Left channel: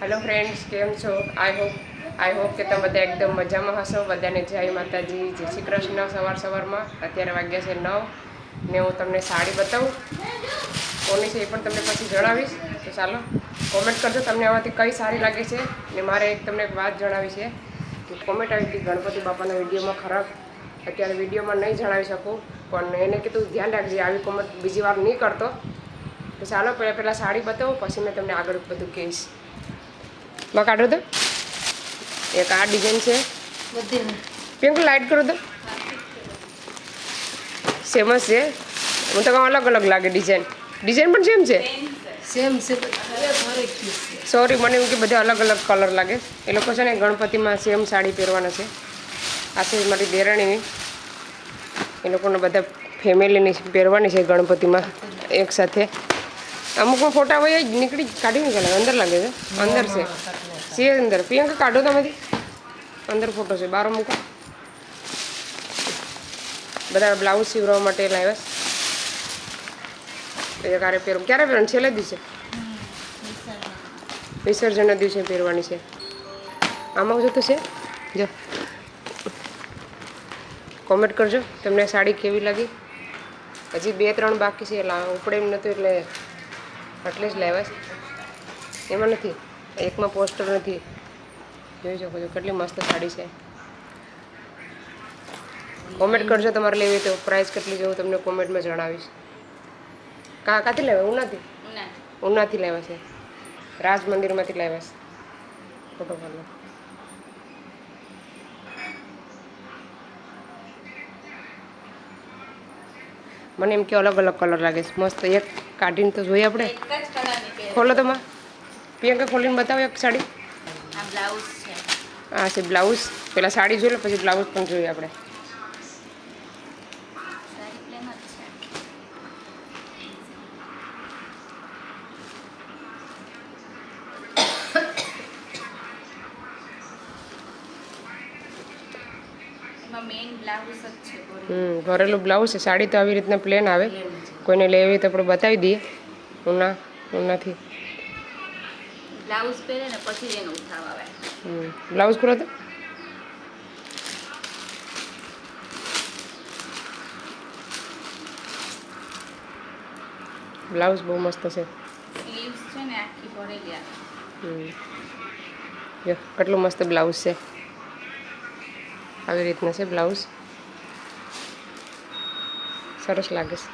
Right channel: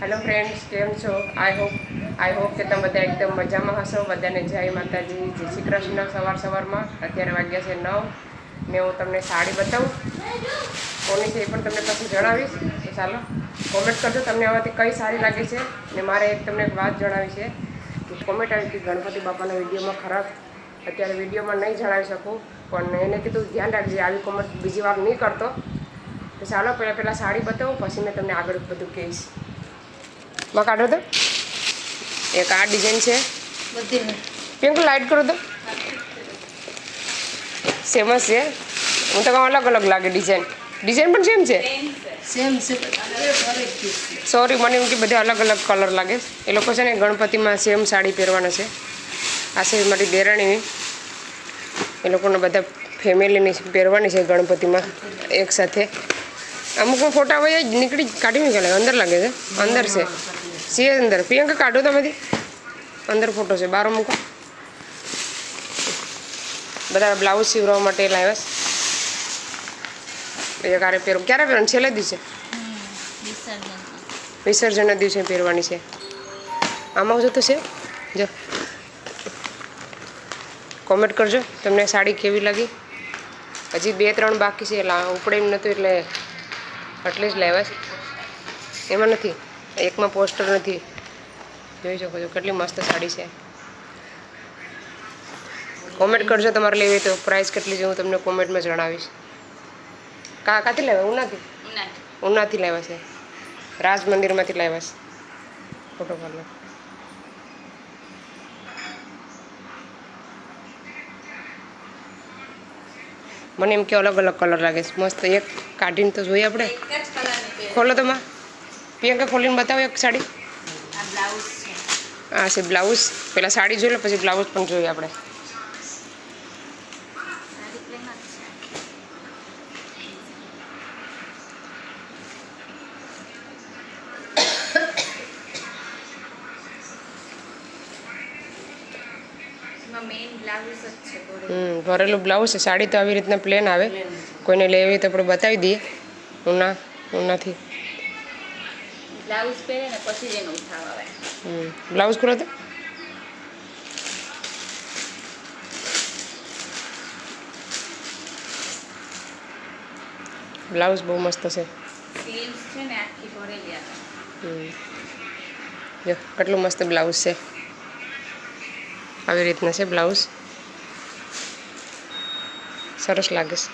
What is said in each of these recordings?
Hello friends came छो I hope के तमे बधा एकदम मजा में हशो। बधाने जय माताजी, जय श्री कृष्ण। सवार सवार में अत्यारे वाग्या छे 9 ने हूँ तमने साड़ी बताऊँ कोनी छे पण तमने पछी जणावीश। तो चालो कॉमेंट करजो तमने आमांथी कई सारी लागे छे। ने मारे एक तमने एक बात जणावी छे कि कॉमेंट आई कि गणपति बापाना विडियो में खराब अत्यारे विडियो में नहीं जणावी शकूँ पण एने कीधुं ध्यान राखजे आवी कॉमेंट बीजी वार नहीं करतो। तो चालो पहला साड़ी बताऊँ पछी मैं तमने आगळ बधुं कहीश। मैं काढो तो एक आ डिजाइन है पिंक लाइट करो तो सेमस है। हूँ तो अलग अलग लगे डिजाइन डिजाइन पण सेम है सॉरी मैंने एम कि बधे अलग अलग कलर लगे। ए लोग है गणपति में सेम साड़ी पहरवाना है। आ से मारी देराणी ए लोग बधा फैमिली पहरवानी है गणपति में एक साथ। अमुक में फोटा वही निकली काढ़ी निकले अंदर लगे अंदर से अंदर प्रियंका काढ़ो तो मधी अंदर फोटो से बारो मूको। बधा ब्लाउज सीवरवा माटे लाव्या छे। क्यारे पहेरवा क्यारे पहेरवानी छेल्ले दिवसे विसर्जन दिवसे पहेरवानी छे। आमां जो तो छे जो कॉमेंट करजो तमने साड़ी केवी लगी। हजी 2-3 बाकी छे उपड़े एम नतुं एटले ज लेवा छे। एमां नथी एक में पोस्टर नहीं जोई शको छो केटली मस्त साड़ी है। कॉमेंट करजो तमारे लेवी तो प्राइस केटली जो हूँ तमने कॉमेंट में जणावीश। काथी लेवा उनाथी लेवा छे राज मंदिर में लेवा छे। फोटो पाडो मने एम के अलग अलग कलर लगे मस्त। एक काढ़ीने तो जोईए आपणे खोलो तो मां प्रियंका खोलीने बताओ एक साड़ी आ से ब्लाउज पहला साड़ी जोई लो पछी ब्लाउज पण जोईए आपणे। भरेलू ब्लाउज है। साड़ी तो आ रीतना प्लेन आवे कोईने लेवी तो अपने बतावी दीए उनाथी ब्लाउज पहरे ने पछी जेने उठाव आवे। ब्लाउज खोलो तो ब्लाउज बहुत मस्त है। स्लीव्स छे ने आखी भरेली आवे। जो કેટલું મસ્ત બ્લાઉઝ છે આવી રીતના છે બ્લાઉઝ સરસ લાગે છે।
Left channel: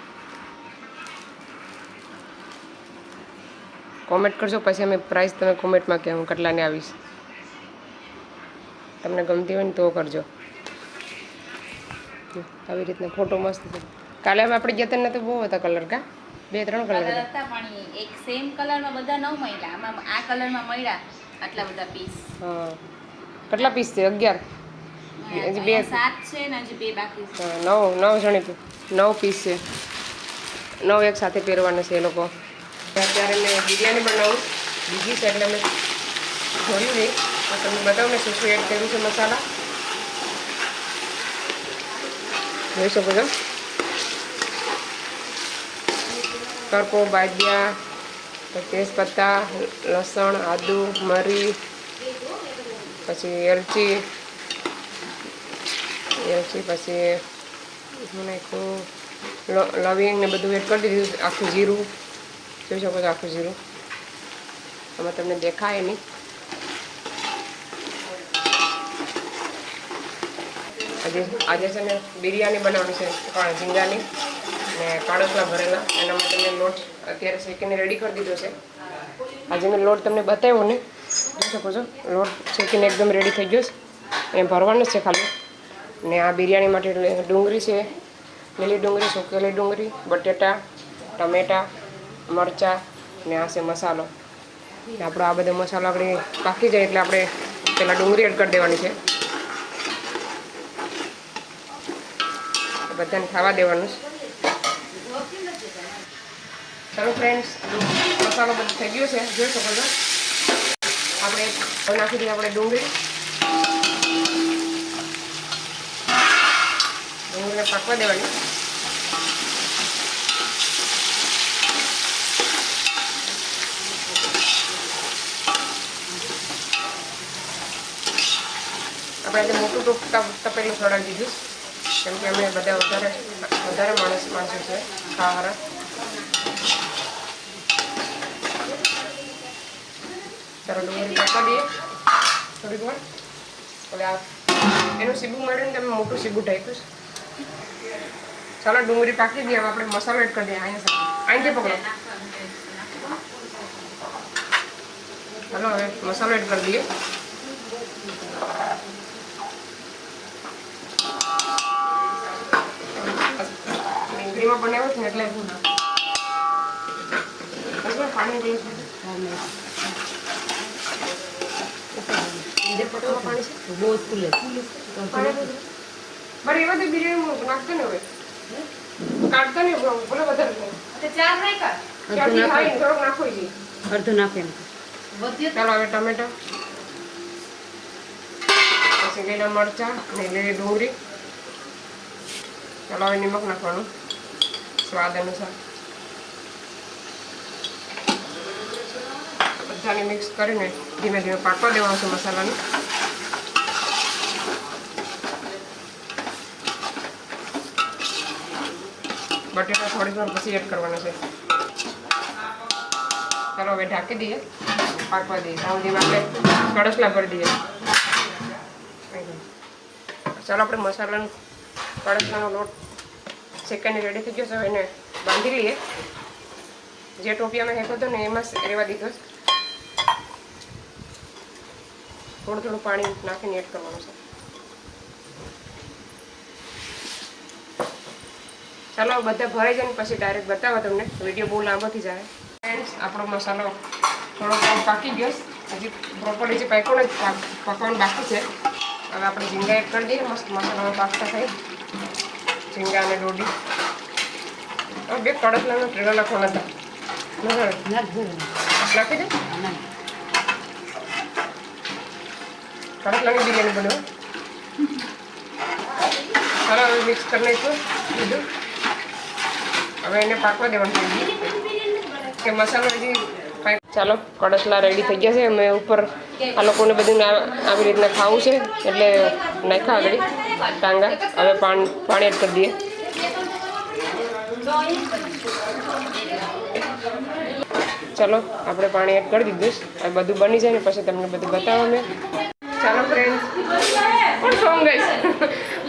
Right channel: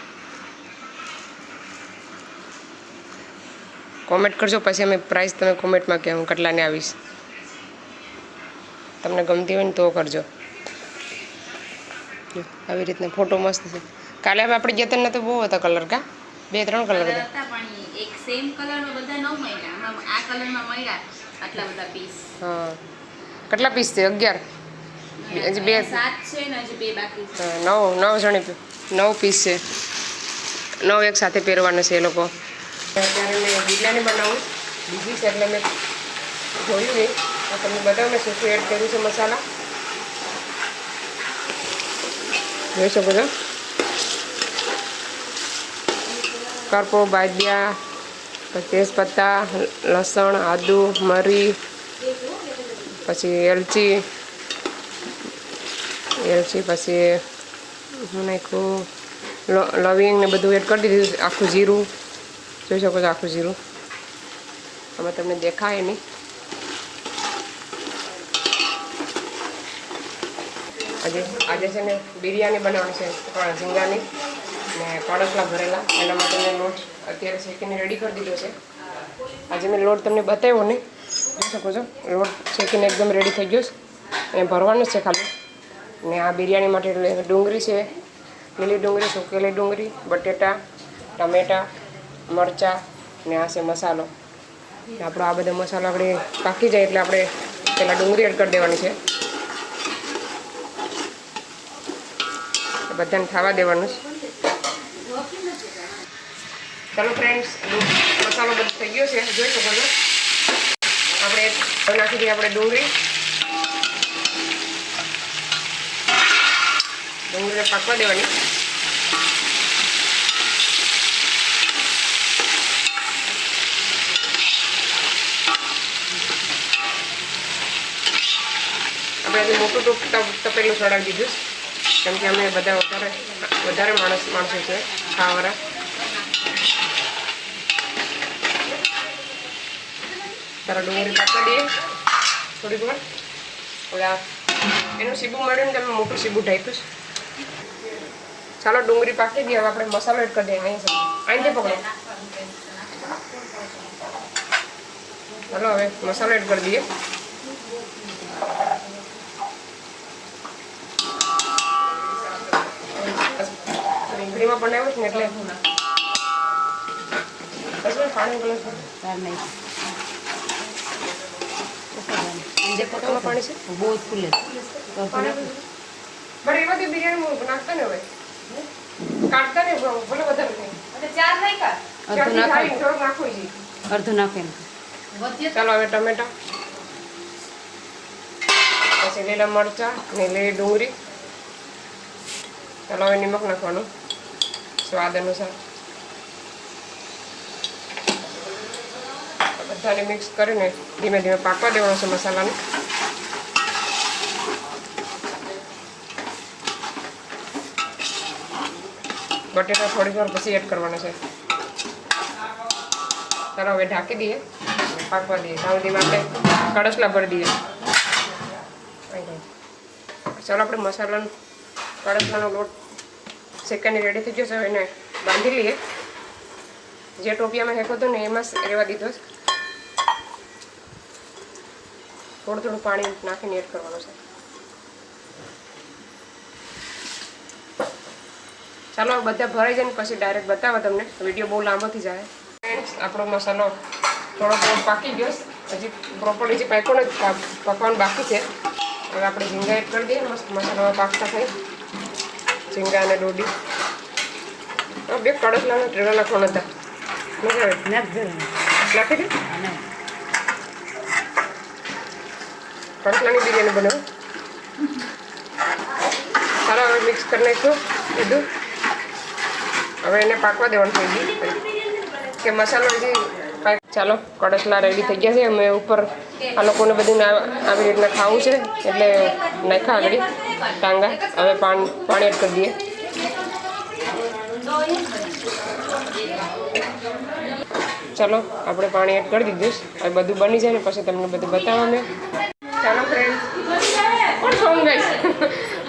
कॉमेंट करजो पछी अमे प्राइस तमे कॉमेंट में कहूँ કેટલાને आवीश। तमने गमती होय तो करजो। આવી રીતના फोटो मस्त है। काले आपणे गया ने तो बहु हता कलर का 2-3 कलर हता पण एक सेम कलर में बधा न मळ्या। आमां आ कलर में मळ्या आटला बधा पीस। हाँ કેટલા पीस छे 11 हजी 7 छे ने हजी 2 बाकी छे। 9 जणी 9 पीस छे 9 एक साथे पहेरवाना छे। ए लोको अत्यारे मैं बिरयानी बनावुं बीजी छे એટલે मैं જોયું नहीं तो तमने बताओ मैं શું एड कर्युं छे मसाला જોઈ શકો છો। करपो बादिया तेजपत्ता लसण आदू मरी पछी एलची पछी नाखू लविंग ने बधुं एड कर दीधुं। आखू जीरू જોઈ શકો છો આખું જીરું આમાં તમને દેખાય નહીં। આજે છે ને બિરયાની બનાવવાની છે ઝીંગાની ને કાળસલા ભરેલા એના માટે મેં લોટ અત્યારે શેકીને રેડી કરી દીધો છે। આજે મેં લોટ તમને બતાવ્યો ને જોઈ શકો છો લોટ શેકીને એકદમ રેડી થઈ ગયો છે એને ભરવાનો છે ખાલી। ને આ બિરયાની માટે ડુંગળી છે લીલી ડુંગળી સુકેલી ડુંગળી બટેટા ટમેટા मरचा ने आ से मसालो आपणो आ बधो मसालो आपणे पाकी जाए एटले आपणे पहेला डुंगળી एड कर देवानी छे। बधाने खावा देवानुं। चलो फ्रेंड्स मसालो बधो थई गयो छे जोई शको छो। आपणे नाखी दीए आपणे डुंगળી पाकवा देवानी। આપણે આજે મોટું તપેલું ચડાવી દીધું કેમ કે અમે બધા વધારે માણસો છે ખાવાવાળા. ત્યારે ડુંગળી પાકવા દઈએ થોડીક વાર. ઓલા એનું સીબું મળે ને તમે મોટું સીબું ઢાંક્યું. ચાલો ડુંગળી પાકી દઈએ. હવે આપણે મસાલો એડ કરી દઈએ. અહીંથી પકડો. ચાલો હવે મસાલો એડ કરી દઈએ. ડુંગળીમાં બનાવ્યો છે ને એટલે પાણી પાણી છે બહુ જ ફૂલે બરાબર. એવા તો બિરયાની નાખતા ને હવે કાઢતા ને બોલે વધારે અડધું નાખે. ચાલો હવે ટમેટા, પછી લીલા મરચાં ને લીલી ડુંગળી. ચાલો હવે નિમક નાખવાનું સ્વાદ અનુસાર. બધાને મિક્સ કરીને ધીમે ધીમે પાકવા દેવાનું છે મસાલાને. બટેટા થોડી વાર પછી એડ કરવાના છે. ચાલો હવે ઢાંકી દઈએ, પાકવા દઈએ. સાઉન્ડીમાં આપણે કળશલા ભરી દઈએ. ચાલો આપણે મસાલાનો કળશલાનો લોટ શેકાઈને રેડી થઈ ગયો છે. હવે એને બાંધી લઈએ. જે ટોપિયામાં હેકો હતો ને એમાં રહેવા દીધો છે. થોડું થોડું પાણી નાખીને એડ કરવાનું છે. ચાલો બધા ભરાઈ જાય ને પછી ડાયરેક્ટ બતાવો તમને. વિડીયો બહુ લાંબો થઈ જાય. ફ્રેન્ડ્સ આપણો મસાલો થોડો પાકી ગયો. હજી પ્રોપરલી જે પાક્યો ને પકવાનું બાકી છે. હવે આપણે ઝીંગા એડ કરી દઈએ. મસ્ત મસાલો પાકતા થાય. ઝીંગા અને ડોડી બે કડકલાનો ટ્રેલર નાખવાના હતા. નાખી દે. કડકલાની બિરયાની બનાવો. ચાલો હવે મિક્સ કરી નાખ્યું બધું. હવે એને પાકવા દેવાનું છે કે મસાલો હજી. ચાલો કડસલા રેડી થઈ ગયા છે. અમે ઉપર આ લોકોને બધું આવી રીતના ખાવું છે એટલે નાખ્યા આગળ ટાંગા. હવે પાણી એડ કરી દઈએ. ચાલો આપણે પાણી એડ કરી દીધું. હવે બધું બની જાય ને પછી તમને બધું બતાવવા મેં. ચાલો ફ્રેન્ડ કોણ સોંગ ગઈ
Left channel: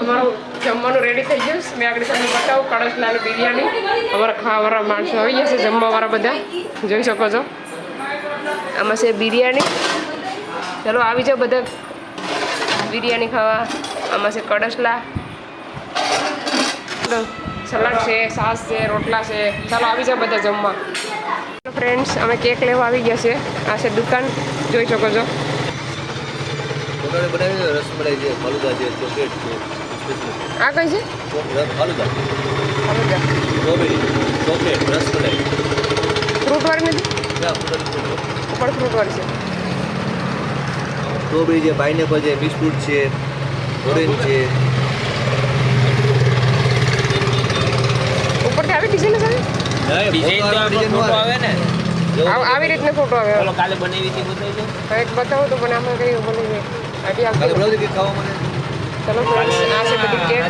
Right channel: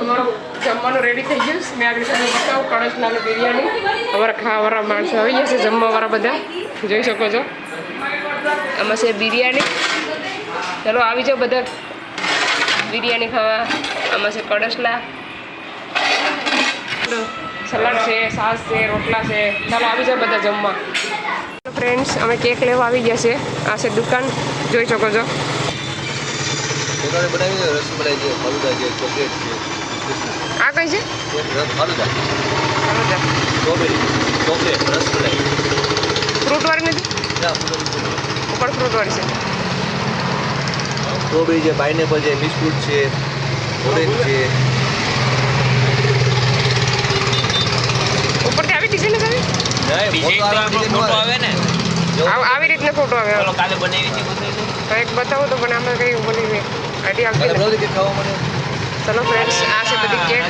અમારું જમવાનું રેડી થઈ ગયું. મેં આગળ તમને બતાવું કળશલાની બિરયાની. અમારા ખાવાવાળા માણસો આવી ગયા છે, જમવાવાળા બધા જોઈ શકો છો. આમાં છે બિરયાની. ચાલો આવી જાઓ બધા બિરયાની ખાવા. આમાં છે કળશલા, સલાડ છે, છાશ છે, રોટલા છે. ચાલો આવી જાઓ બધા જમવા. ફ્રેન્ડ્સ અમે કેક લેવા આવી ગયા છે. આ છે દુકાન, જોઈ શકો છો. આ કઈ છે? ફ્રૂટ વાળી નથી? ઉપર ફ્રૂટ વાળી છે. સ્ટ્રોબેરી છે, પાઇનેપલ છે, બિસ્કુટ છે, ઓરેન્જ છે. ઉપરથી આવી ડિઝાઇન આવે ને? આવી રીતના ફોટો આવે. કાલે બનાવી હતી એક બતાવો તો, પણ આમાં કઈ બનાવી આઈડિયા આવતી નથી. ચલો ફ્રેન્ડ્સ, આ છે બધી કેક.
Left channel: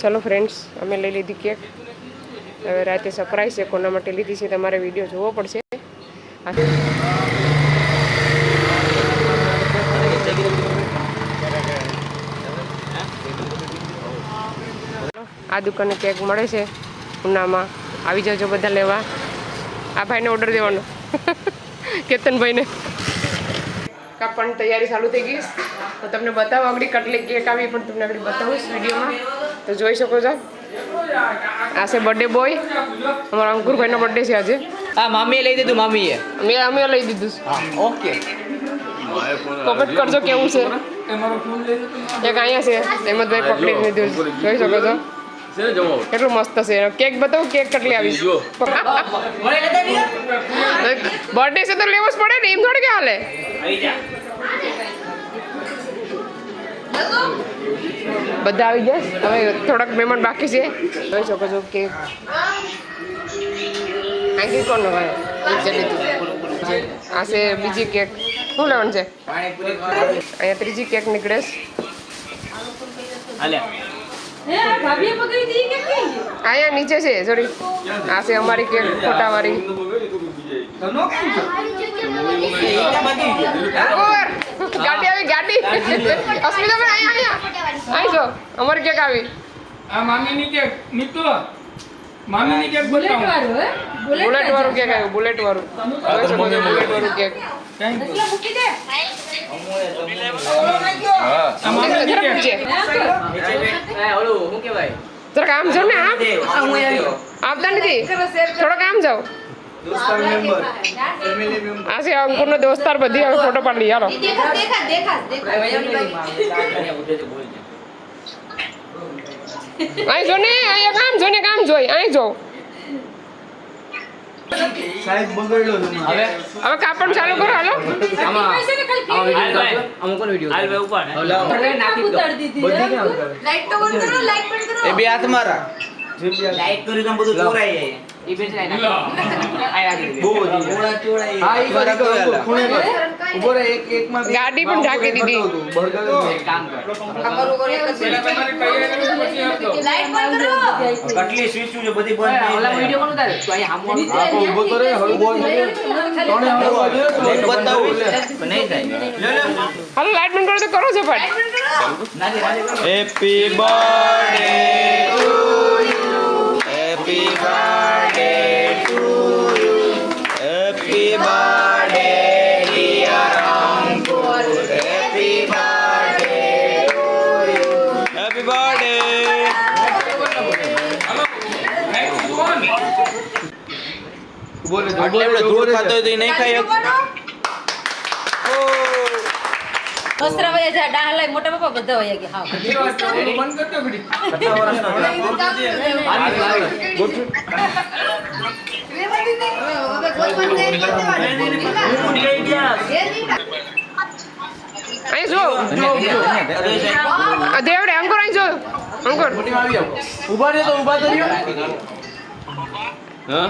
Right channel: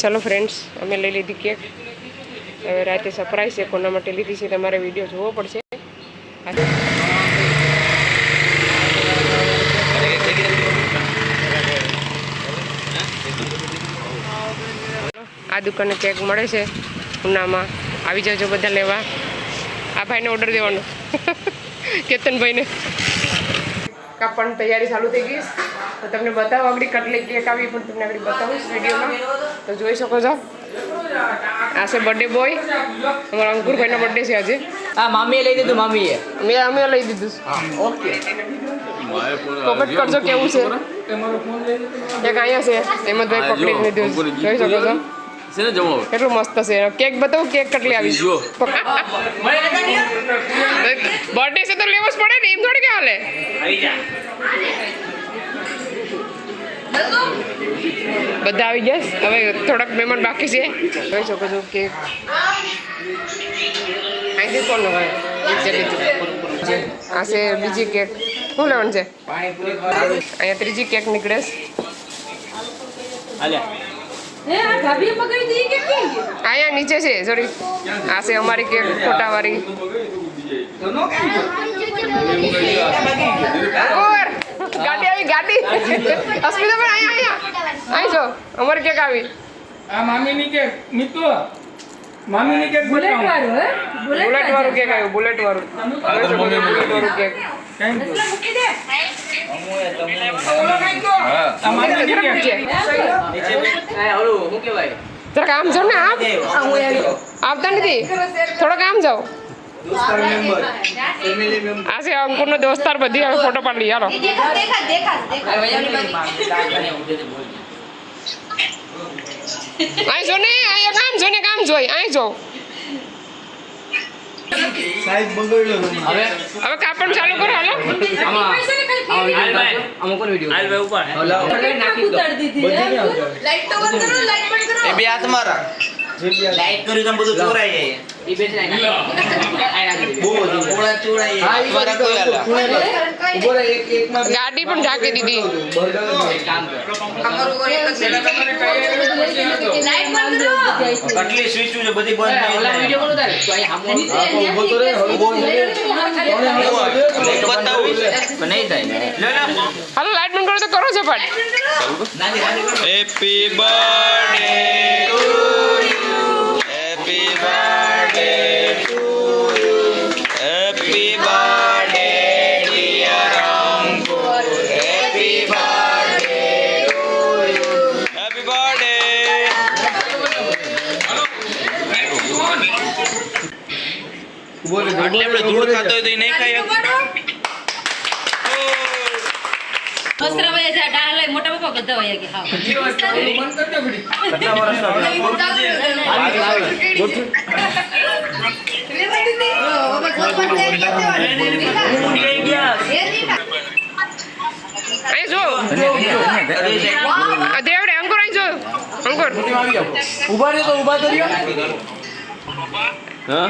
ચલો ફ્રેન્ડ્સ, અમે લઈ લીધી કેક. હવે રાતે સરપ્રાઈઝ છે. કોના માટે લીધી છે તમારે વિડીયો જોવો પડશે. આ દુકાને કેક મળે છે ઉનામાં. આવી જાજો બધા લેવા. આ ભાઈને ઓર્ડર દેવાનો કેતનભાઈને. કાપવાની તૈયારી ચાલુ થઈ ગઈ. તો તમને બતાવો આગળ કેટલી કેક આવી પણ તમને આગળ બતાવીશ વિડીયોમાં. તો જોઈ શકો છો. આ છે બર્થડે બોય. અમારા અંકુરભાઈનો બર્થડે છે આજે. હા, મામીએ લઈ દીધું. મામીએ અમે લઈ દીધું. ઓકે, કોમેન્ટ કરજો કેવું છે. એક અહીંયા છે હેમંતભાઈ પકડી લીધું. જોઈ શકો છો કેટલું મસ્ત છે. કેક બતાવું કેક કેટલી આવી. બર્થડે છે તો લેવો જ પડે ને, એમ થોડી કે હાલે. બધા આવી ગયા છે. હવે થોડાક મહેમાન બાકી છે. જોઈ શકો છો કેક અહીંથી કોણ ભાઈ આ છે બીજી કેક. શું લેવાનું છે? અહીંયા ત્રીજી કેક નીકળે છે. અહીંયા નીચે છે સોરી. આ છે અમારી કેક ફોટાવાળી. ગાડી આવી ગાડી. અસ્મિતાભાઈ અહીંયા અહીં જો અમારી કેક આવી. આ મામીની કેક મિત્રો મામીની કેક બતાવો. બુલેટ વાળું કેક આવ્યું. બુલેટ વાળું જોઈ શકો છો. બુલેટ વાળું કેક. આ મામીની જરાક કેક નીચે. શું કહેવાય? જરાક આમ જાઓ ને આમ. આવતા નથી. થોડોક આમ જાઓ. આ છે અંકુરનો દોસ્તાર. બધી હવે ફોટો પાડી લઈએ. હાલો અહીં જો ને. અહીંયા કામ જો ને. કામ જોઈ અહીં જો. હવે કાપડ ચાલુ કરો. હાલો એ બે હાથ મારા લાઈટ કર્યું તો બધું ચોરાઈ જાય. એ બેચ લાઈ નાખી. બહુ વધી ગાડી પણ ઢાંકી દીધી. કામ કર. કેટલી સ્વિચ છે બધી બંધ થઈ ઓલા જાય. વિડિયો કોણ ઉતારે? તો અહીંયા બતાવું નહીં થાય. હાલો લાઈટ બંધ કરો તો કરો છો પણ. Happy birthday to you. Happy birthday to you. Happy birthday dear Ankur. Happy birthday to you. Happy birthday. આપણે ધૂળ ખાતો હોય તો નહીં ખાઈ વસ્ત્ર વયા જાય ડાહ લઈ મોટા બાપા બધા વયા ગયા. હા બંધ કરજો ઘડી. અહીં જો. આ દેવડે અંકુર અહીં જો. અંકુર ઉભા રહ્યો તો ઉભા તો રહ્યો. હા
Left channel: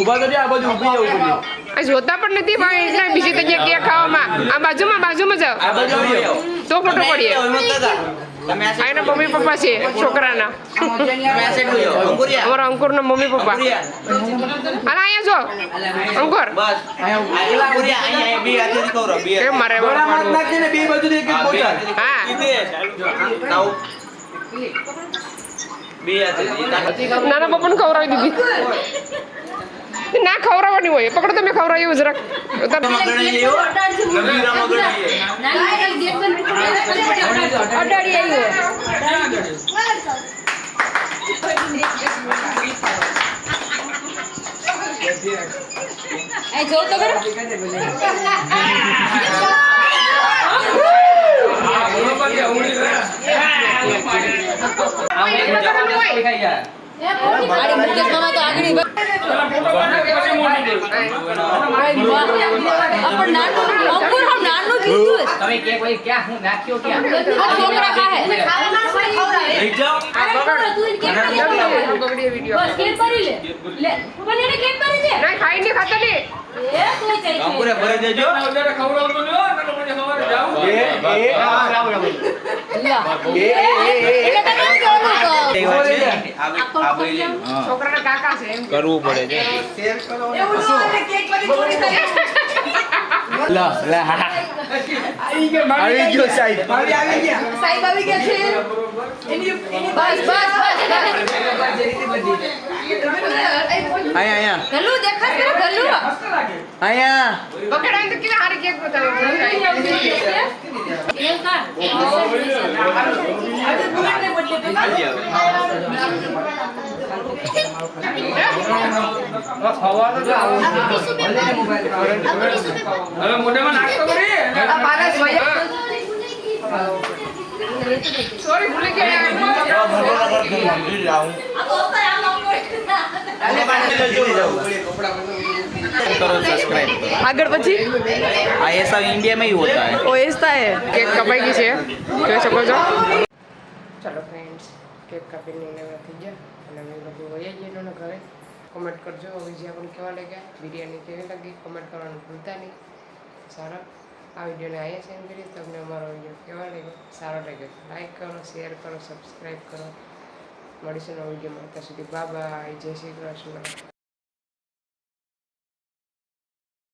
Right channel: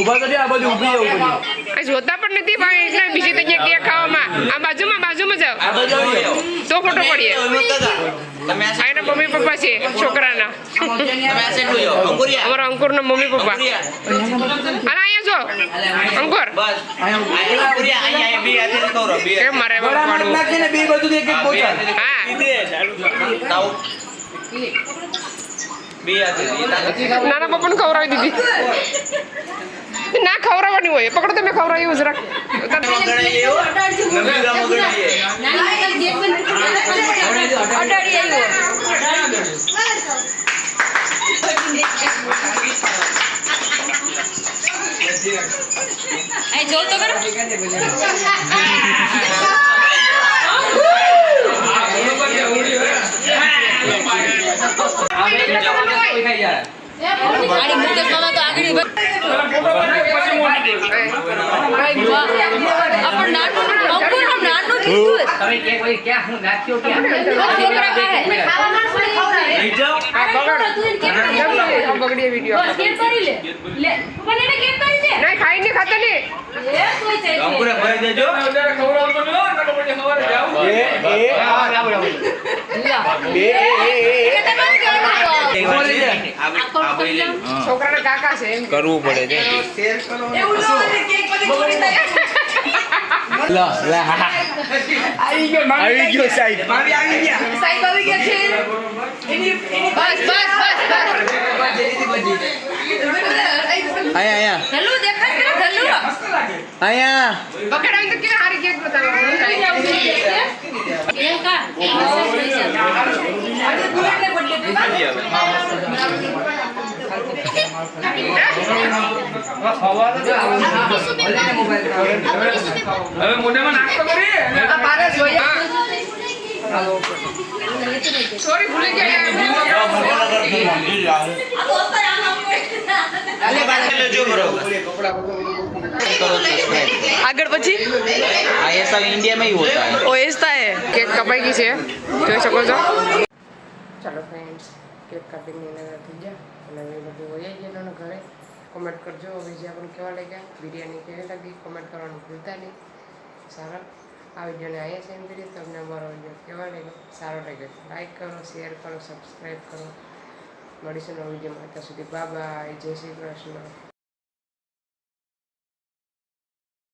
ઉભા તો રહ્યો. આ બધું ઉભા ઉભા. અહીં જોતા પણ નથી ભાઈ. એટલે બીજી જગ્યાએ કેક ખાવામાં. આ બાજુમાં જાઓ તો ફોટો પડીએ. આ એના મમ્મી પપ્પા છે છોકરાના. અમારા અંકુરના મમ્મી પપ્પા. અને અહીંયા જો અંકુર કેમ મારે પાડવું. હા નાના પપ્પાને ખવડાવી દીધી. ના ખવડાવવાની હોય. પકડો તમે ખવડાવ્યું જરાક. જોર તો કરો. આડી મુકેશ મામા તો આગળ તમે કેક ભાઈ ક્યાં હું નાખ્યો ક્યાં? બગડી વિડીયો. નહીં ખાઈ નહીં ખાતા નહીં. અંકુરે ભરાઈ દેજો. અત્યારે ખવડાવતો ન હોય, નકર પછી સવારે જાવું. છોકરાના કાકા છે એમ. કરવું પડે છે. આવી ગયો સાહેબ. બસ બસ બસ અહીંયા ધલ્લુ દેખાય છે ધલ્લુ અહીંયા પકડાય તો કે હારી કેક બતાવો. એવું કા હવે મોઢામાં નાખતો કરી. સોરી ભૂલી ગયા. आगे પછી ऐसा इंडिया में ही होता है. ओ ऐसा है કેક કપાઈ ગઈ છે જોઈ શકો છો. ચાલો ફ્રેન્ડ્સ, કેક કાપીને નવરા થઈ ગયા અને હવે બધું વહી ગયેલું ને ઘરે. કોમેન્ટ કરજો વિજયા પણ કેવા લાગ્યા, બિરયાની કેવી લાગી કોમેન્ટ કરવાનું ભૂલતા નહીં. સારા આ વિડીયોને અહીંયા સેન્ડ કરીએ. તમને અમારો વિડીયો કેવા લાગ્યો, સારો લાગ્યો લાઈક કરો, શેર કરો, સબસ્ક્રાઈબ કરો. મળીશું નવા વિડીયોમાં. ત્યાં સુધી બાય બાય, જય શ્રી કૃષ્ણ.